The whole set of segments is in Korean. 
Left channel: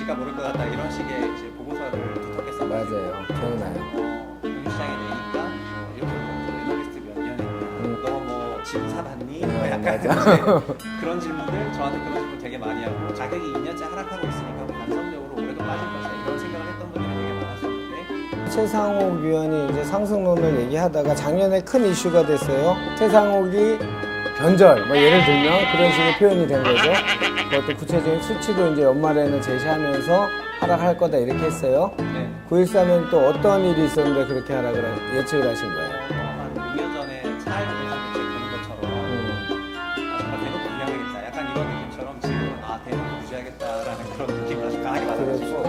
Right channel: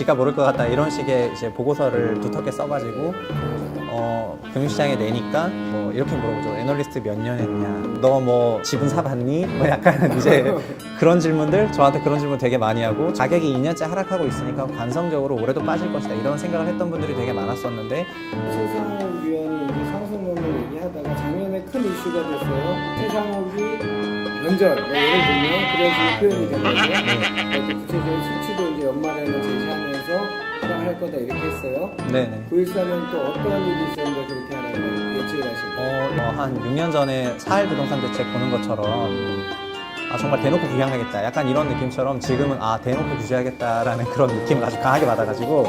집값 오를 것 같다 이런 식의 이제 보고서를 두텁게 써가지고 금융시장에 내니까 뭐 이렇게 물어보죠. 애널리스트 몇 년 했냐? 너 뭐 지분 사봤니? 뭐 약간 이제 그런 질문들 저한테 그런 질문 되게 많이 하고 가격이 2년째 하락하고 있으니까 관성적으로 올해도 빠질 것이다 이런 생각을 했던 분들이 되게 많았었는데 최상욱 위원이 이제 상승론을 얘기하다가 작년에 큰 이슈가 됐어요. 최상욱이 변절, 뭐 예를 들면 그런 식의 표현이 된 거죠. 또 구체적인 수치도 이제 연말에는 제시하면서 하락할 거다 이렇게 했어요. 네네. 9.14는 또 어떤 일이 있었는데 그렇게 하락을 예측을 하신 거예요? 한 6년 전에 4일 부동산 대책 보는 것처럼 정말 대놓고 부양하겠다 약간 이런 느낌처럼 지금은 대놓고 규제하겠다라는 그런 느낌을 아주 강하게 받아가지고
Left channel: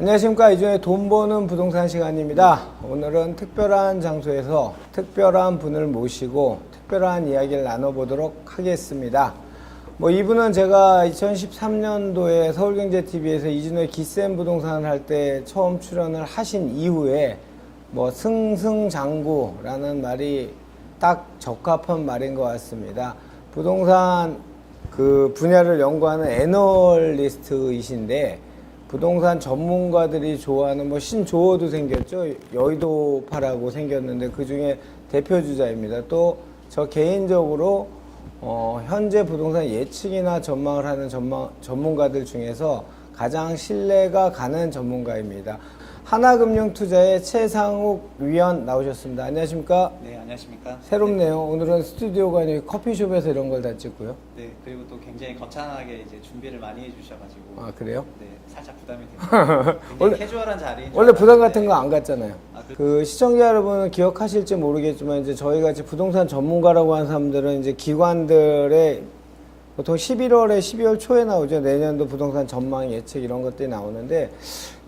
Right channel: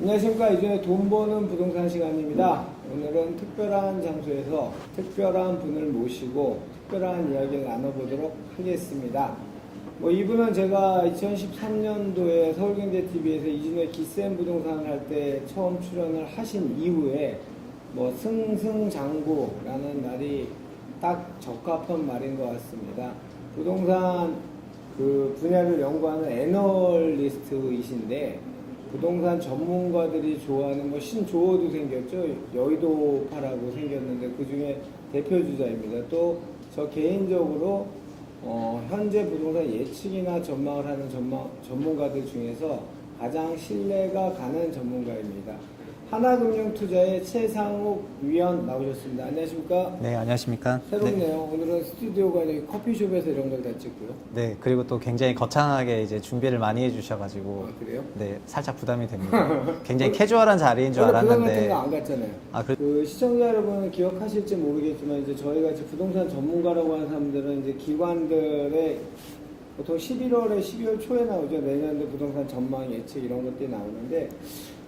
안녕하십니까. 이주의 돈 버는 부동산 시간입니다. 오늘은 특별한 장소에서 특별한 분을 모시고 특별한 이야기를 나눠보도록 하겠습니다. 이분은 제가 2013년도에 서울경제TV에서 이진우의 기센 부동산을 할 때 처음 출연을 하신 이후에 승승장구라는 말이 딱 적합한 말인 것 같습니다. 부동산 그 분야를 연구하는 애널리스트이신데 부동산 전문가들이 좋아하는 신조어도 생겼죠. 여의도파라고 생겼는데 그 중에 대표주자입니다. 또 저 개인적으로 현재 부동산 예측이나 전망을 하는 전문가들 중에서 가장 신뢰가 가는 전문가입니다. 하나금융투자의 최상욱 위원 나오셨습니다. 안녕하십니까? 네, 안녕하십니까? 새롭네요. 네. 오늘은 스튜디오가 아니고 커피숍에서 이런 걸 다 찍고요. 네, 그리고 또 굉장히 거창하게 이제 준비를 많이 해주셔가지고 그래요? 네, 살짝 부담이 됩니다. 굉장히 캐주얼한 자리인 줄 원래 알았는데 부담 같은 거 안 갔잖아요. 그 시청자 여러분은 기억하실지 모르겠지만 이제 저희 같이 부동산 전문가라고 하는 사람들은 이제 기관들의 보통 11월에 12월 초에 나오죠. 내년도 부동산 전망 예측 이런 것들이 나오는데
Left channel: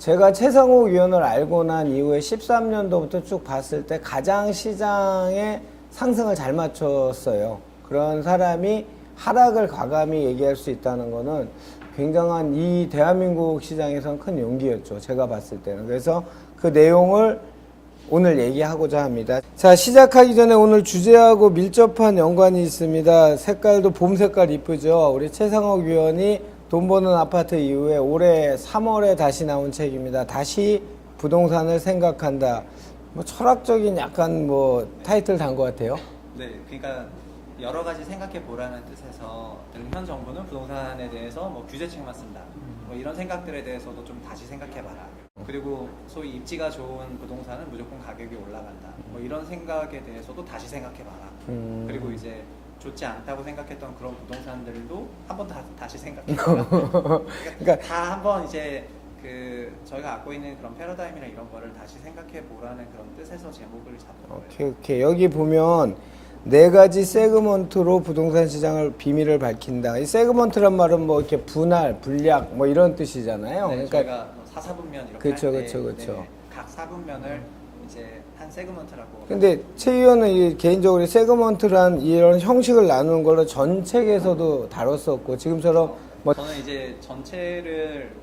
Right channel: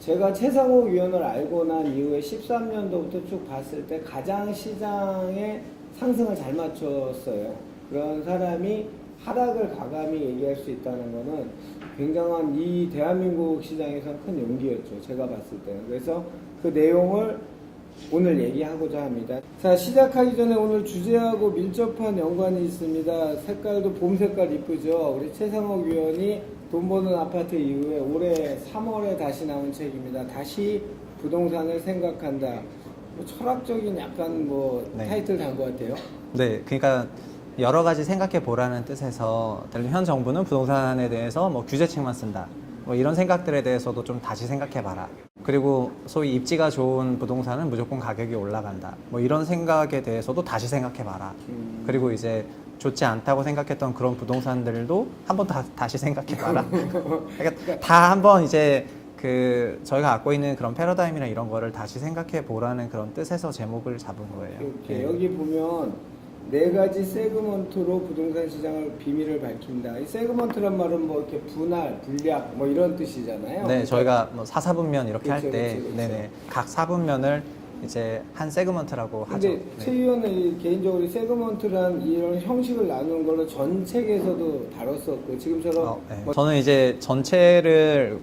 제가 최상욱 위원을 알고 난 이후에 13년도부터 쭉 봤을 때 가장 시장의 상승을 잘 맞췄어요. 그런 사람이 하락을 과감히 얘기할 수 있다는 거는 굉장한 이 대한민국 시장에선 큰 용기였죠. 제가 봤을 때는. 그래서 그 내용을 오늘 얘기하고자 합니다. 자, 시작하기 전에 오늘 주제하고 밀접한 연관이 있습니다. 색깔도 봄 색깔 이쁘죠. 우리 최상욱 위원이 돈 버는 아파트 이후에 올해 3월에 다시 나온 책입니다. 다시 부동산을 생각한다. 철학적인 약간 네. 타이틀 단 것 같아요. 네, 그러니까 여러 가지 생각해 보라는 뜻에서 현 정부는 부동산에 대해서 규제책만 쓴다. 이런 생각들에 대해서도 좀 다시 생각해 봐라. 그리고 소위 입지가 좋은 부동산은 무조건 가격이 올라간다. 이런 생각에 대해서도 다시 생각해 봐라. 그리고 이제 좋지 않다고 생각했던 그런 부동산들도 한번 다시 생각해 봐라. 그러니까 다 한번 이제 저희가 갖고 있는 그런 패러다임이나 이런 거를 다시 생각해 보라는 그런 뜻에서 제목을 잡은 거예요. 오케이. 여기 보면 4가지 세그먼트로 부동산 시장을 비밀을 밝힌다. 이 세그먼트란 말은 이렇게 분할, 분략 이런 뜻이잖아요. 네, 저희가 사사분면 이렇게 할 때 각 사분면을 이제 한 세그먼트라고 근데 하죠. 최 의원은 개인적으로 세그먼트란 이런 형식을 나누는 걸로 전 책에서도 다뤘었고 지금처럼 네. 저는 이제 전체를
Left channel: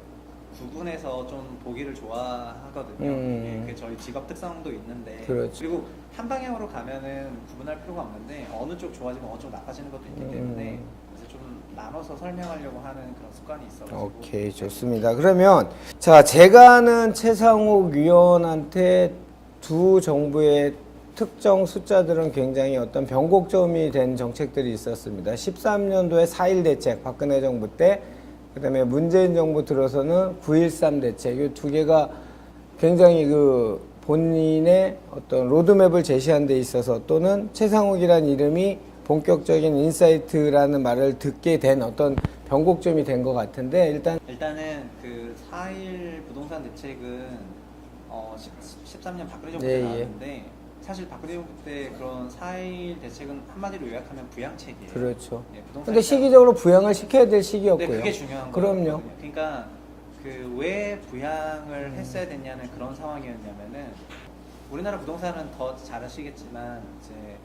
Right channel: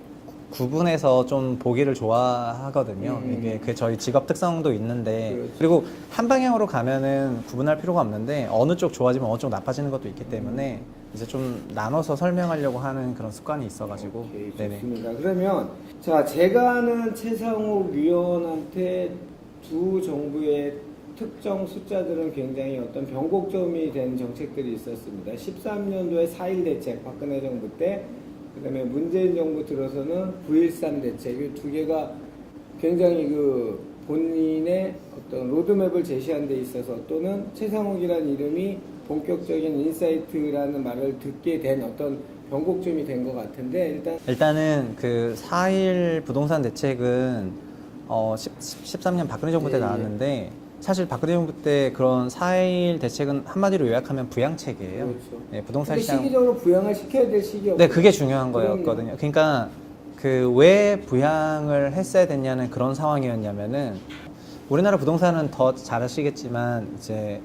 구분해서 좀 보기를 좋아하거든요. 이게 저희 직업 특성도 있는데 그렇죠. 그리고 한 방향으로 가면은 구분할 필요가 없는데 어느 쪽 좋아지면 어느 쪽 나빠지는 것도 있기 때문에 이제 좀 나눠서 설명하려고 하는 그런 습관이 있어가지고. 오케이, 네네. 좋습니다. 그러면 자, 제가 아는 최상욱 위원한테 두 정부의 특정 숫자들은 굉장히 어떤 변곡점이 된 정책들이 있었습니다. 13년도에 4.1 대책, 박근혜 정부 때, 그 다음에 문재인 정부 들어서는 9.13 대책, 이 두 개가 굉장히 본인의 어떤 로드맵을 제시한 데 있어서 또는 최상욱이라는 이름이 본격적인 인사이트라는 말을 듣게 된 어떤 변곡점이 된 것 같은데 일단은 4.1 부동산 대책은 13년 박근혜 정부 때 나왔는데 사실 박근혜 정부 때 그런 4.1 대책은 한마디로 요약하면 부양책이에요. 그렇죠. 네, 부동산 근데 시기적으로 부양을 시켜야 될 시기였고요. 네, 그게 중요한 그럼요. 거였거든요. 그러니까 왜 부양을 했어야 됐냐는 그런 상황이었냐면은 우리나라 부동산은 더 잘 아시겠지만 이제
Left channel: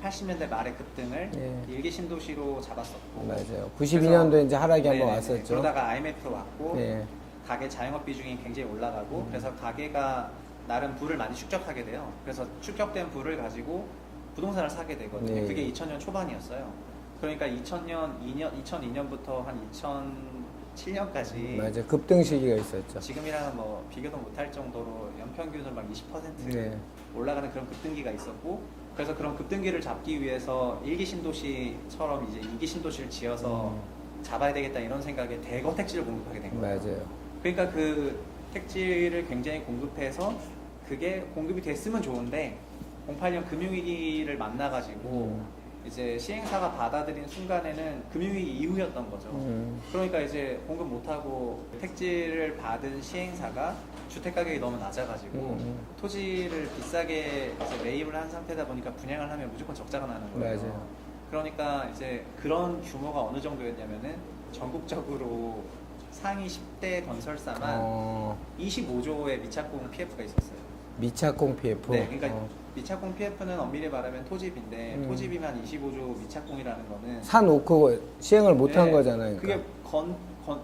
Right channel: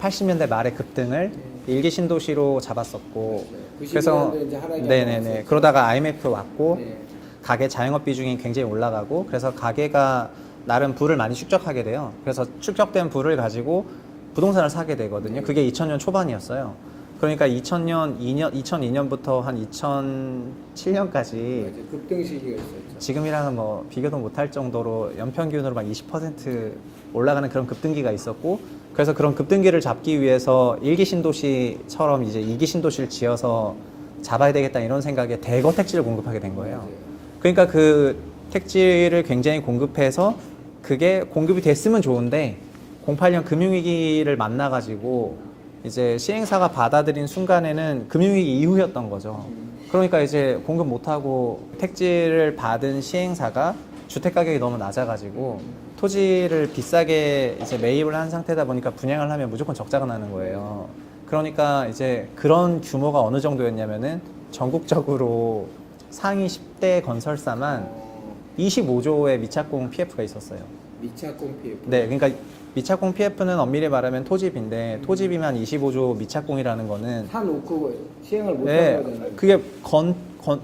80년대 말에 급등을 일기 신도시로 잡았었고 92년도에 이제 하락이 한번 왔었죠. 그러다가 IMF 왔고 네. 가계 자영업 비중이 굉장히 올라가고 그래서 가계가 나름 부를 많이 축적하게 돼요. 그래서 축적된 부를 가지고 부동산을 사게 되거든요. 네. 그게 2000년 초반이었어요. 그러니까 2002년부터 한 2007년까지 맞아. 급등 시기가 있었죠. 지금이랑은 뭐 비교도 못할 정도로 연평균으로 막 20% 올라가는 그런 급등기가 있었고, 그래서 그런 급등기를 잡기 위해서 1기 신도시처럼 이제 2기 신도시를 지어서 잡아야 되겠다 이런 생각에 대거 택지를 공급하게 된 거예요. 맞아요. 그러니까 그 택지를 굉장히 공급해서 그게 공급이 됐으면 좋은데 08년 금융위기를 만나가지고 이제 시행사가 받아들인 순간에는 금융위기 이후였던 거죠. 그러니까 이제 공급 못하고 택지를 받은 시행사가 주택 가격이 너무 낮아가지고 토지를 비싸게 이제 매입을 한 상태다 보니까 분양을 하면 무조건 적자가 나는 거예요. 그러니까 이제 그런 규모가 어느 정도였냐면은 전국적으로 상위 10대 건설사만 25조의 미착공 PF가 있었어요. 미착공 PF. 네, 그러니까 미착공 PF는 엄밀히 말하면 토지비인데 토지비만 25조 미착공이라는 거는 사놓고 시행을 못한 네, 거잖아요. 그게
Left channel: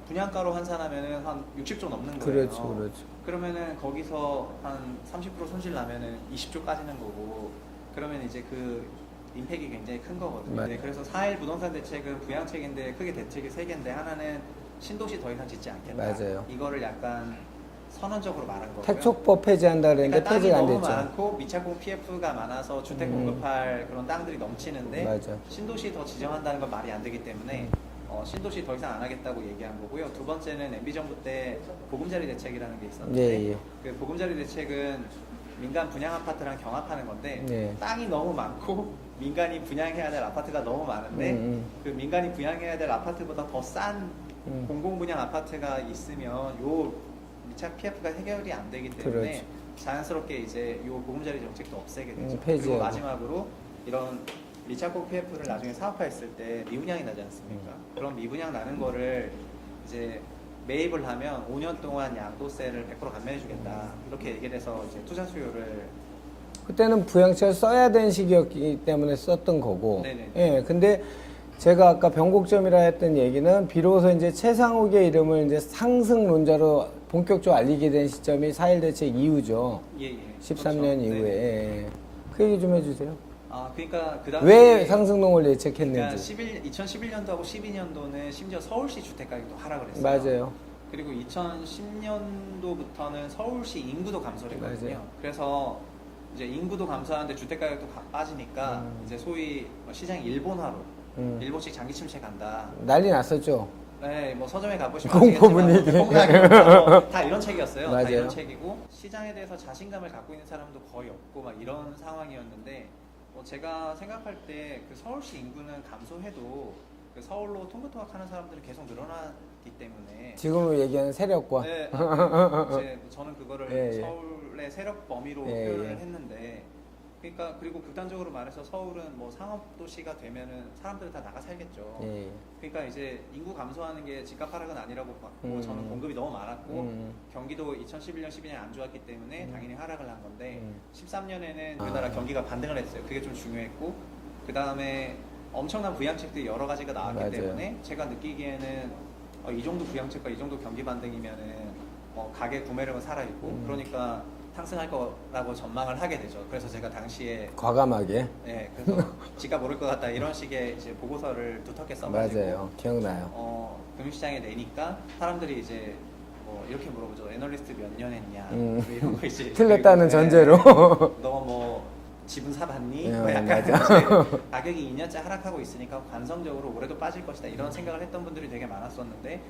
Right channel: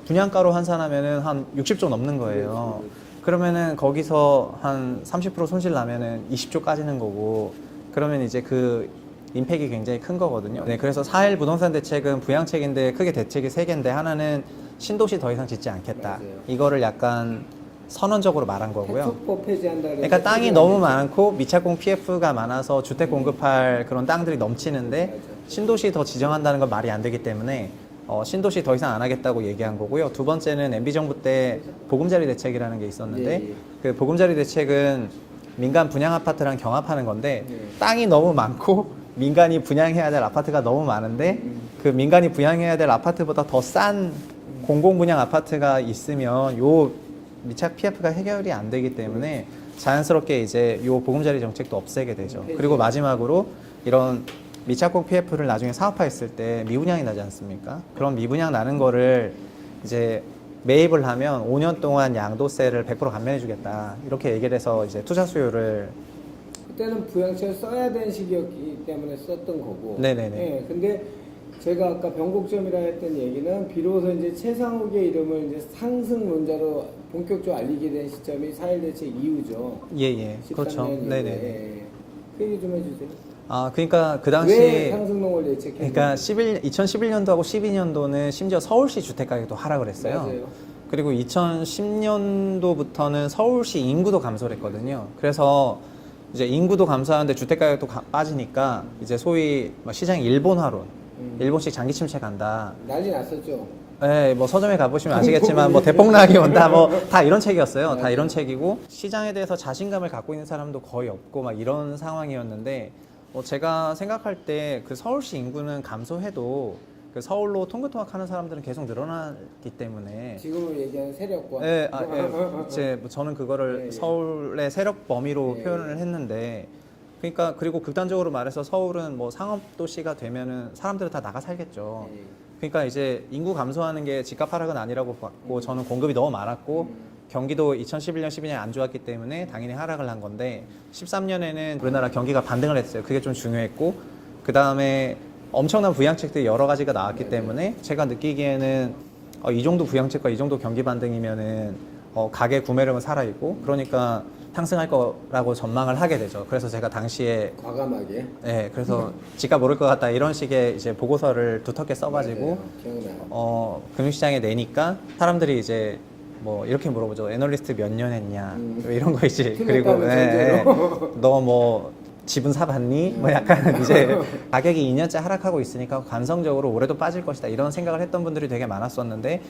분양가로 환산하면은 한 60조 넘는 거예요. 그렇죠, 그렇죠. 그러면은 거기서 한 30% 손실 나면은 20조 까지는 거고, 그러면 이제 그 임팩이 굉장히 큰 거거든요. 네, 그래서 4.1 부동산 대책은 부양책인데 크게 대책이 3개인데 하나는 신도시 더 이상 짓지 않겠다. 맞아요. 이거를 약간 선언적으로 말한 거고요. 택조법 폐지한다 그랬는데 그러니까 땅이 폐지가 안 너무 됐죠. 많고 미착공 PF가 많아서 주택 공급할 그런 땅들이 넘치는데 맞아요. 신도시 더 지정한다는 건 말이 안 되기 때문에 신도시 더 이상 안 하겠다고 얘기한 거고요. 두 번째는 MB 정부 때 보금자리 대책이라는 게 있었는데 예. 그 보금자리 대책은 민간 분양 아파트랑 경합하는 건데 예. 땅이 너무 많고 민간이 분양해야 될 아파트가 너무 많은데 그 민간이 분양해야 될 아파트보다 더 싼 공공 분양 아파트가 있으면 요 미착 PF가 해결이 안 되기 때문에 자연스럽게 이제 요 보금자리 정책도 없애게 되죠. 폐지해요. 그리고 마지막으로 이런 미착공 PF를 나중에 사업화했을 때 미분양이 나지 않습니까? 그런 미분양 나는 거를 이제 매입을 하면 5년 동안 양도세를 100% 감면해 주겠다. 이렇게 얘기를 해서 이제 투자 수요를 그때는 부양책을 써야 되는 시기였기 때문에 썼던 거고. 네네네. 예, 근데 제가 아까 변곡점이라 했던 얘기는 비로소 이제 최상욱의 이름을 이제 상승론자로 본격적으로 알리게 된 시점이 4.1 대책 이후죠. 예예 13년 그렇죠. 이후에. 네네. 예. 그 얘기 좀 해주세요. 아 그러니까 그 당시 왜 상승론을 예측했는지. 그러니까 2011년도하고 12년도는 심지어 서울시 주택 가격도 하락을 했어요. 맞아요. 그리고 2010년도부터는 서울시 인구도 감소를 했거든요. 그래서 이제 인구도 감소하는데 주택 가격도 빠지니까 이제 소위 시장이 일본화로 일본식 장기 침체 간다. 난리 났었죠. 네, 뭐 서점에 가보시면 아시겠지만 뭐 대폭락이 다 이런 책이었어요. 다 맞아요. 이런 책이고 시장에 대해서 자신감을 갖고 있는 사람도 거의 없고 막 이런 상황이었는데 제가 생각할 때 그 서울시 인구는 감소해도 그 서울로 통근통학하는 사람들은 계속 늘어나기 때문에 지금 얘기하는 세력과. 네, 이제 뭐 저는 그거를 예, 예. 서울의 세력 범위로 예, 표현을 예. 했는데 그러니까 그리고 극단적으로 말해서 서울은 뭐 상업 도시가 되면은 사람들은 다 나가 살겠죠. 예. 그러니까 이제 인구 감소하는 게 집값 하락은 아니라고 봤고 저는 공급이 너무 많았고 경기도 2011년 12년 안 좋았기 때문에 당연히 하락을 한 건데 13년에는 우리나라 경기가 반등을 했어요. 그게 좀 중요했고 그 다음에 엄청난 부양책들이 여러 가지가 나왔기 맞아요. 때문에 제가 느끼기에는 이 정도 부양책과 이 정도 경기 반등이면은 가계 구매력은 살아있고 그러니까 상승할 거라고 전망을 하게 되죠. 그래서 제가 당시에 과감하게. 네, 그래서 집값 오를 것 같다 이런 식의 이제 보고서를 두텁게 써가지고 맞아요. 기억나요. 금융시장에 내니까 사람들이 이제 뭐 이렇게 물어보죠. 애널리스트 몇 년 했냐 뭐 이런 거 이제 틀렸다는 그리고, 전제로. 너 뭐 집은 사봤니? 뭐 약간 이제 가격이 2년째 하락하고 있으니까 감성적으로 올해도 빠질 것이다 이런 생각을 했던 분들이 되게 많았었는데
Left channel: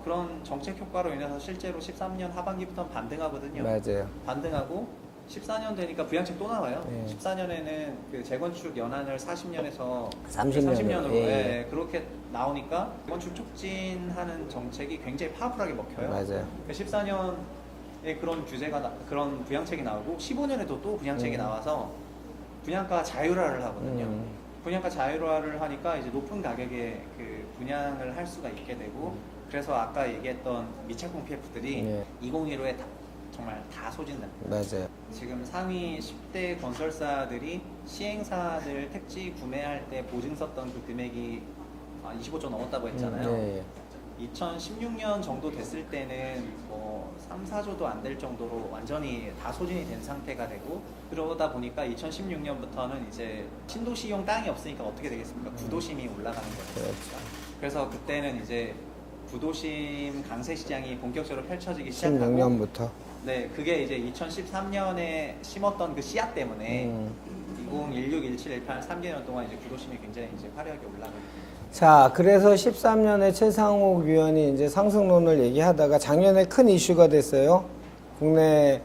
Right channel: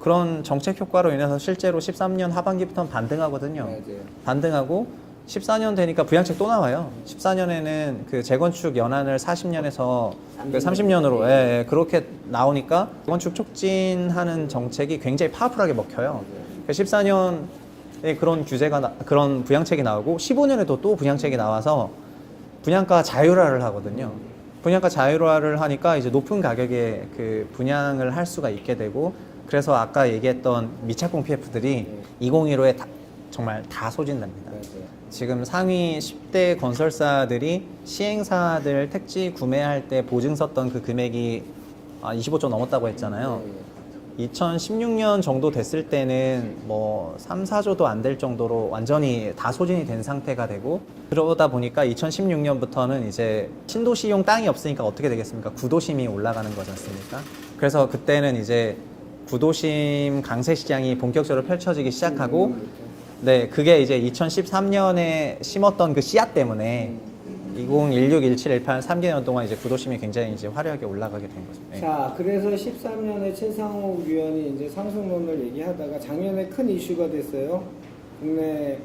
그런 정책 효과로 인해서 실제로 13년 하반기부터는 반등하거든요. 맞아요. 반등하고 14년 되니까 부양책 또 나와요. 14년에는 그 재건축 연한을 40년에서 30년으로 그렇게 나오니까 재건축 촉진하는 정책이 굉장히 파워풀하게 먹혀요. 맞아요. 그러니까 14년에 그런 규제가 그런 부양책이 나오고 15년에도 또 부양책이 나와서 분양가 자율화를 하거든요. 분양가 자율화를 하니까 이제 높은 가격에 그 분양을 할 수가 있게 되고 그래서 아까 얘기했던 미착공 PF들이 2015에 정말 다 소진됩니다. 맞아요. 지금 상위 10대 건설사들이 시행사들 택지 구매할 때 보증 썼던 그 금액이 25조 넘었다고 했잖아요. 2016년 정도 됐을 때는 뭐 3, 4조도 안 될 정도로 완전히 다 소진이 된 상태가 되고, 그러다 보니까 2016년부터는 이제 신도시용 땅이 없으니까 어떻게 되겠습니까? 구도심이 올라가는 거지 않습니까? 그래서 그때는 이제 구도심 강세 시장이 본격적으로 펼쳐지기 시작하고, 16년부터. 네, 그게 이제 2013년에 심었던 그 씨앗 때문에 2016, 17, 18, 3개년 동안 이제 구도심이 굉장히 이제 화려하게 올라가게 된 거죠. 네. 자, 그래서 13년에 최상욱 위원이 이제 상승론을 얘기하다가 작년에 큰 이슈가 됐어요. 국내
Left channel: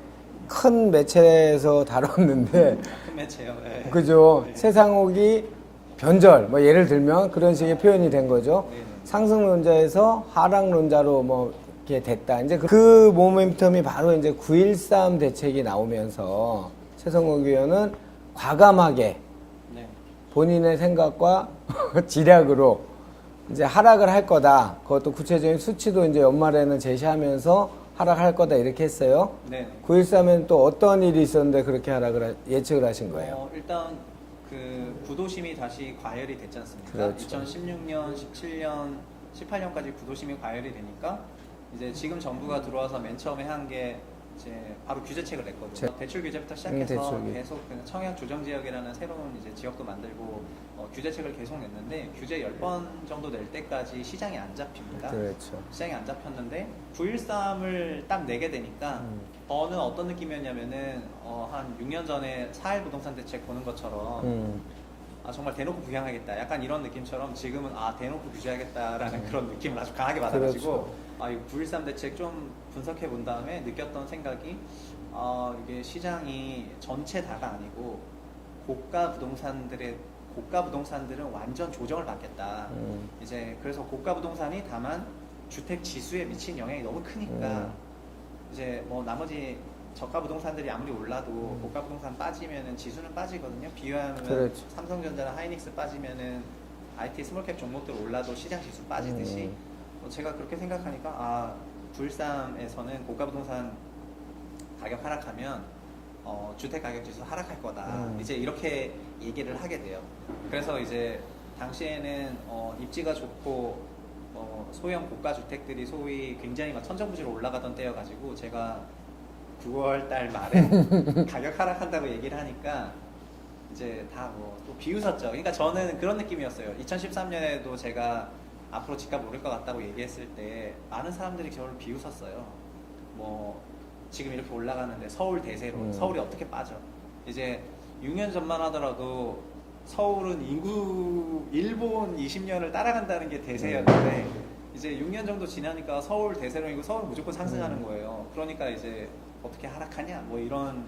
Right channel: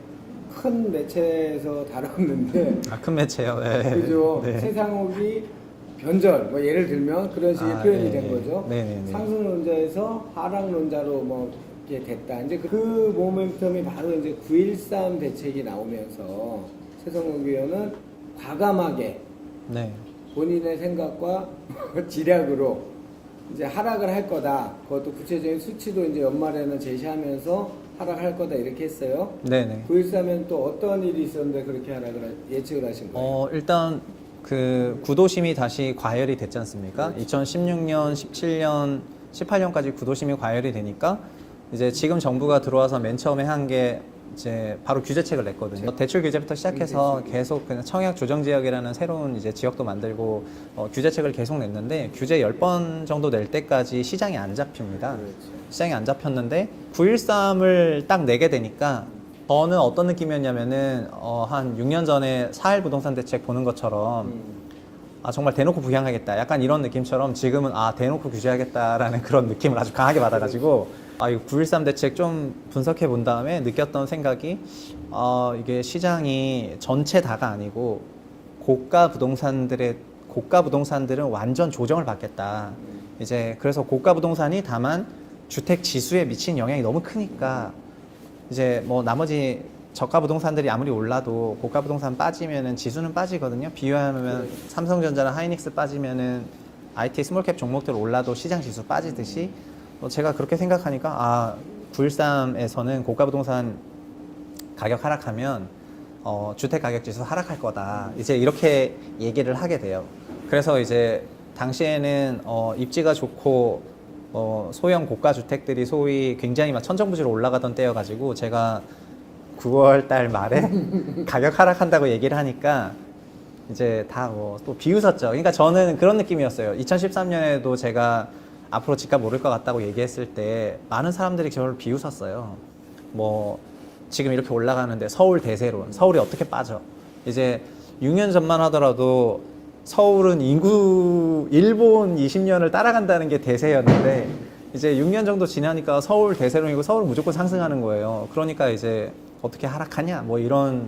큰 매체에서 다뤘는데, 아, 큰 매체요. 네. 그죠? 네. 최상욱이 변절, 뭐 예를 들면 그런 식의 아, 표현이 네. 된 거죠. 네네네. 상승론자에서 하락론자로 뭐 이렇게 됐다. 이제 그 모멘텀이 바로 이제 9.13 대책이 나오면서 최상욱 위원은 과감하게 네. 본인의 생각과 지략으로 이제 하락을 할 거다. 그것도 구체적인 수치도 이제 연말에는 제시하면서 하락할 거다 이렇게 했어요. 네네. 9.13엔 또 어떤 일이 있었는데 그렇게 예측을 하신 거예요? 일단 그 구도심이 다시 과열이 됐지 않습니까? 그렇죠. 2016년, 17년, 18년까지 구도심이 과열이 되니까 이제 지금 정부가 들어와서 맨 처음에 한 게 이제 바로 규제책을 냈거든요. 대출 규제부터 시작해서 대출. 계속 그냥 청약 조정 지역이라는 새로운 이제 지역도 만들고 규제책을 계속 냈는데, 규제 10번 정도 낼 때까지 시장이 안 잡힙니다. 그렇죠. 시장이 안 잡혔는데 9.13을 딱 내게 되니까 저는 어떤 느낌이었냐면은 한 6년 전에 4.1 부동산 대책 보는 것처럼 아 정말 대놓고 부양하겠다 약간 이런 느낌처럼 지금은 아 대놓고 규제하겠다라는 그런 느낌을 아주 강하게 받아가지고 아 이거 9.13 대책 좀 분석해 본 다음에 느꼈던 생각이 이게 시장이 전체 다가 아니고 고가 부동산들은 완전 조정을 받겠다. 이제 그래서 고가 부동산이 다만 주택 지수에 미친 영향이 너무 크니까 이제 뭐 나머지 저가 부동산들이 아무리 올라도 고가 부동산 빠지면은 지수는 빠지거든요. 비유하면 그렇죠. 삼성전자나 하이닉스 빠지면은 IT 스몰캡 종목들 올라도 시장 지수 빠지듯이 제가 그렇게 생각하니까 아 9.13에서는 고가 부동산 가격 하락하면 주택 가격 지수 하락할 거다. 이제 이렇게 얘기를 하게 돼요. 그래서 이제 당시에는 입지가 좋고 소형 고가 주택들이 소위 굉장히 막 천정부지로 올라가던 때여가지고 제가 9월 달 말에 가격 하락한다고 얘기를 하니까 이제 다 뭐 또 비웃었죠. 그러니까 저는 그런 느낌이었어요. 2013년에도 제가 앞으로 집값 오를 것 같다고 얘기했을 때 많은 사람들이 저를 비웃었어요. 뭐 지금 이렇게 올라가는데 서울 대세론, 서울이 어떻게 빠져? 이제 6년 전만 하더라도 서울은 인구 일본 20년을 따라간다는 게 대세였는데 이제 6년 정도 지나니까 서울 대세론이고 서울 무조건 상승하는 거예요. 그러니까 이제 어떻게 하락하냐? 뭐 이런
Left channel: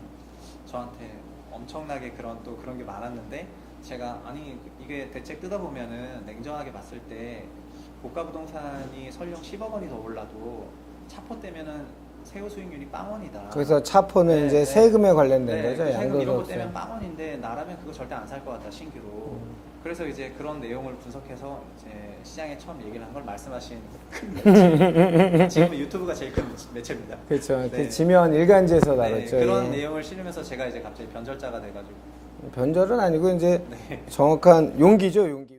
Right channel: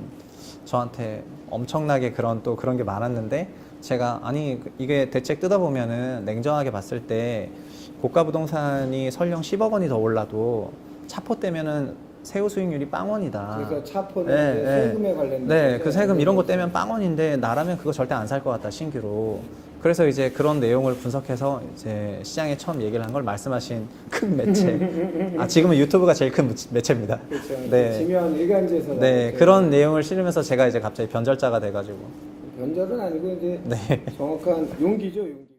저한테 엄청나게 그런 게 많았는데 제가 아니 이게 대책 뜯어보면은 냉정하게 봤을 때 고가 부동산이 설령 10억 원이 더 올라도 차포 떼면은 세후 수익률이 빵원이다. 그래서 차포는 네, 이제 네. 세금에 관련된 네, 거죠? 그 세금 이런 거 그렇죠. 떼면 빵원인데 나라면 그거 절대 안 살 것 같다 신규로. 그래서 이제 그런 내용을 분석해서 이제 시장에 처음 얘기를 한 걸 말씀하신 큰 매체. 지금은 유튜브가 제일 큰 매체입니다. 그렇죠. 네. 지면 일간지에서 네, 나왔죠. 그런 내용을 실으면서 제가 이제 갑자기 변절자가 돼가지고. 변절은 아니고 이제 네. 정확한 용기죠, 용기.